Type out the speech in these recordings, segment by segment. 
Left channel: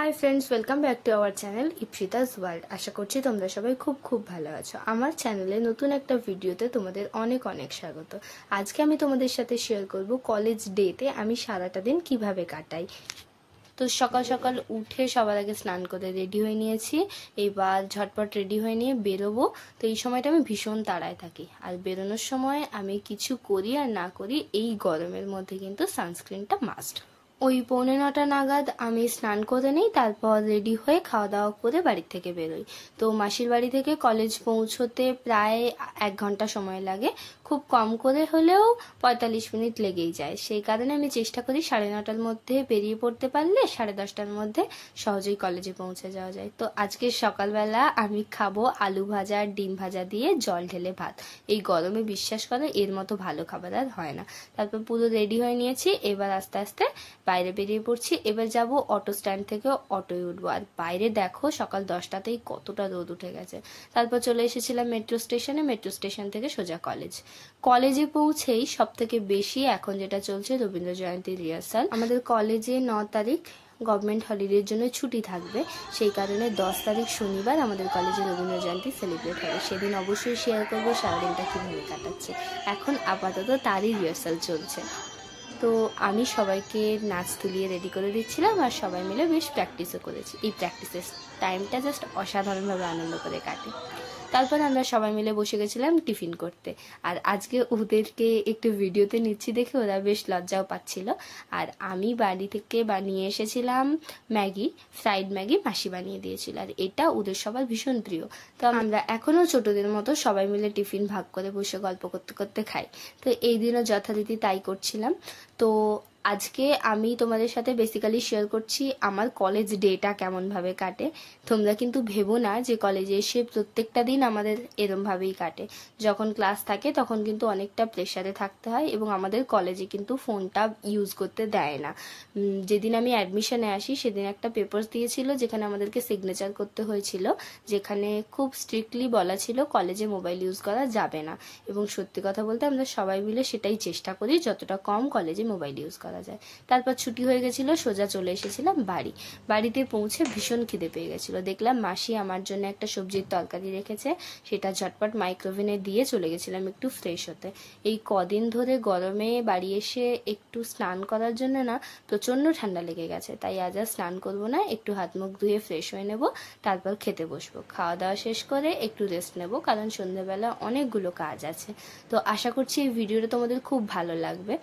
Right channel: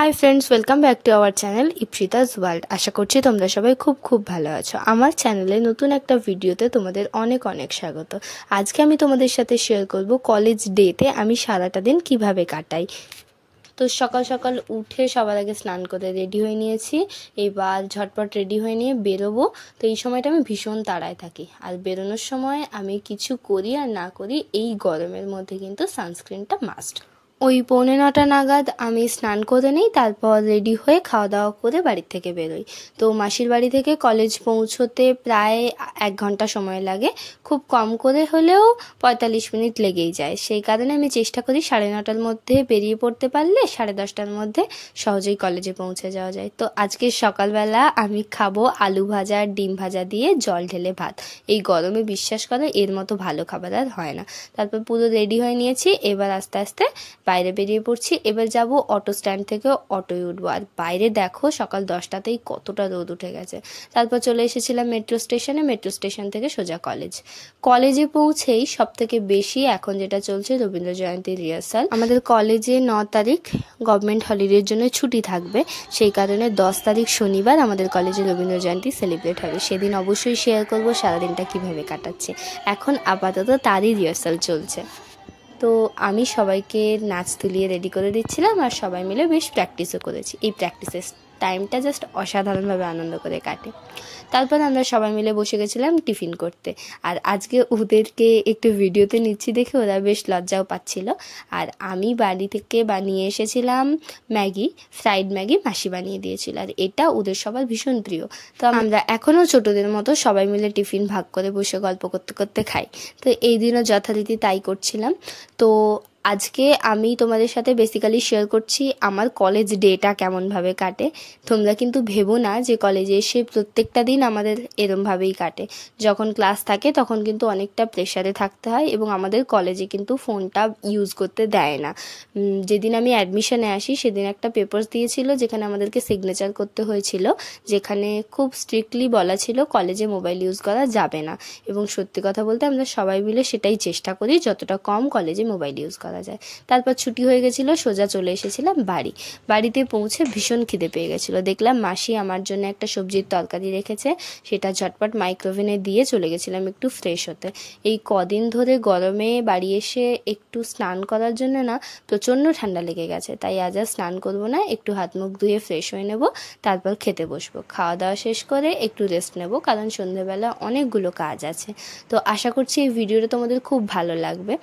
High friends, welcome back to our channel Ipsita's world. আশা করছি তোমরা সবাই খুব ভালো আছো। আমার চ্যানেলে নতুন একটা ভিডিওতে তোমাদের অনেক স্বাগত। আজকে আমি তোমাদের সাথে শেয়ার করব কলেজ ডেতে আমি সারাটা দিন কিভাবে কাটাই। তো সকাল সকাল উঠে সবার আগে স্নান করে রেডি হয়ে নিয়েছি। এবার ঝটপট রেডি হয়ে নিয়ে বেরোবো। তো এই সময়টা আমি ভীষণ তাড়ায় থাকি, আর বেরোনোর সময় আমি কিছু করি আর না করি, এই গরমের মধ্যে কিন্তু সানস্ক্রিনটা মাস্ট। ওই 8:45 নাগাদ আমি স্নান করে নিই, তারপর রেডি হয়ে খাওয়া দাওয়া করে বাড়ি থেকে বেরোই। তো মাসির বাড়ি থেকে কলেজ পৌঁছতে প্রায় 1 ঘন্টা সময় লাগে, খুব কম করে হলেও 45 মিনিট লেগেই যায়। সেই কারণে আমি চেষ্টা করি 9:30টার মধ্যে বেরিয়ে পড়তে পারলে 10:30টার মধ্যে সহজেই কলেজে পৌঁছে যাওয়া যায়। তো আজকে সকালবেলা আমি খাবো আলু ভাজা আর ডিম ভাজা দিয়ে জল ঢেলে ভাত। এই গরমে বিশ্বাস করো এর মতো ভালো খাবার আর হয় না। তারপর পুরো রেডি হয়ে নিয়েছি, এবার আস্তে আস্তে বাইরে বেরিয়ে পড়ছি। এবার যাব অটো স্ট্যান্ড থেকে অটোয় উঠবো। আর বাইরে দেখো সকাল 10টাতেই কতটা রোদ উঠে গেছে। তারপর চলে এসেছিলাম মেট্রো স্টেশনে। মেট্রো স্টেশন থেকে সোজা কলেজে পৌঁছেই সব থেকে বেশি এখন যেটা চলছে রবীন্দ্র জয়ন্তী রিহার্সাল। আমাদের কলেজে 9 তারিখ গভর্নমেন্ট হলিডের জন্য ছুটি থাকবে, সেই কারণে 10 তারিখ শনিবার আমাদের কলেজে রবীন্দ্র জয়ন্তী সেলিব্রেট হবে। সেদিন অবশ্যই শেয়ার করবো সারাদিনটা কিভাবে কাটাচ্ছে। এখন আপাতত তারই রিহার্সাল চলছে। তো আমি সবাইকে নাচ তুলিয়ে রেডি করে দিচ্ছিলাম, আর সবাই মিলে বেশ প্র্যাকটিসও করেছি। এই প্র্যাকটিসের টাইমটা জাস্ট অসাধারণভাবে আনন্দ করে কাটে। তারপর আমরা সবাই মিলে বসে গেছিলাম টিফিন করতে। আর আজকে ওদেরকে একটু ভিডিওতে নিচ্ছি দেখে ওরা বেশ লজ্জাও পাচ্ছিল। আর আমি বাড়ি থেকে বানিয়ে এসেছিলাম ম্যাগি, ফ্রাইড ম্যাগি মাসি বানিয়ে দিয়েছিল, আর এটা ওদের সবার ভীষণ প্রিয়। তো আমরা এখনও ছোটদের মতো সবাই মিলে টিফিন ভাগ করে বসে গল্প করতে করতে খাই। তো এই দিনও যথারীতি তাই করছিলাম। তো আজকে আমি তোমাদের সাথে বেসিক্যালি শেয়ার করছি আমার কলেজ ডেটা কেমনভাবে কাটে। তোমরা কিন্তু ভেবো না যে কলেজে এসে প্রত্যেকটা দিন আমাদের এরমভাবেই কাটে। যখন ক্লাস থাকে তখন কিন্তু অনেকটা প্রেশারে থাকতে হয়, এবং আমাদের কলেজে কিন্তু ফোনটা ইউজ করতে দেয় না। যেদিন আমি অ্যাডমিশনে আসি সেদিন একটা পেপারস দিয়েছিল যেখানে আমাদেরকে সিগনেচার করতে হয়েছিল, যেখানে খুব স্ট্রিক্টলি বলা ছিল কলেজে মোবাইল ইউজ করা যাবে না। এবং সত্যি কথা বলতে আমরা সবাই মিলে সেটাই চেষ্টা করি যতটা কম কলেজে মোবাইল ইউজ করা যায়। তারপর ছুটি হয়ে গেছিলো, সোজা চলে এসেছিলাম বাড়িতে পৌঁছে ভীষণ খিদে পেয়ে গেছিলো। দেখলাম মাসি আমার জন্য একটা সবজির তরকারি রেখেছে, সেটা ঝটপট মাইক্রোওভেনে দিয়ে চলে গেছিলাম একটু ফ্রেশ হতে। এই কদিন ধরে গরমে বাড়ি এসে একটু স্নান করার জন্য না প্রচণ্ড ঠান্ডা লেগে গেছে, তাই আজ আর স্নান করবো না, একটু হাত মুখ ধুয়ে ফ্রেশ হয়ে নেব, তারপর খেতে বসবো। খাওয়া দাওয়া শেষ করে একটু রেস্ট নেব, কারণ সন্ধ্যেবেলা অনেকগুলো কাজ আছে। তো আশা করছি এই ভিডিওটা তোমাদের খুব ভালো লাগবে।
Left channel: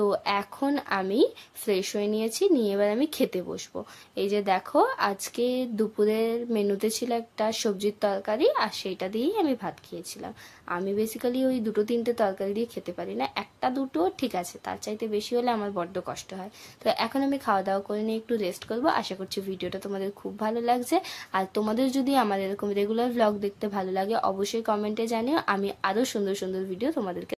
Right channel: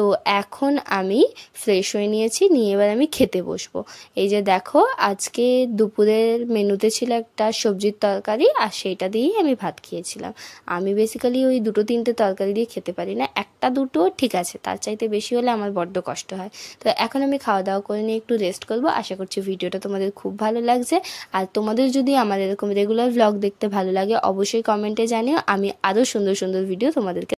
তো এখন আমি ফ্রেশ হয়ে নিয়েছি, নিয়ে এবার আমি খেতে বসবো। এই যে দেখো আজকে দুপুরের মেনুতে ছিল একটা সবজির তরকারি, আর সেইটা দিয়েই আমি ভাত খেয়েছিলাম। আমি বেসিক্যালি ওই 2-3টে তরকারি দিয়ে খেতে পারি না, 1-2 ঠিক আছে, তার চাইতে বেশি হলে আমার বড্ড কষ্ট হয়। তো এখন আমি খাওয়া দাওয়া করে নিয়ে একটু রেস্ট করবো। আশা করছি ভিডিওটা তোমাদের খুব ভালো লাগছে। আর তোমাদের যদি আমার এরকম রেগুলার ভ্লগ দেখতে ভালো লাগে অবশ্যই কমেন্টে জানিও, আমি আরও সুন্দর সুন্দর ভিডিও তোমাদেরকে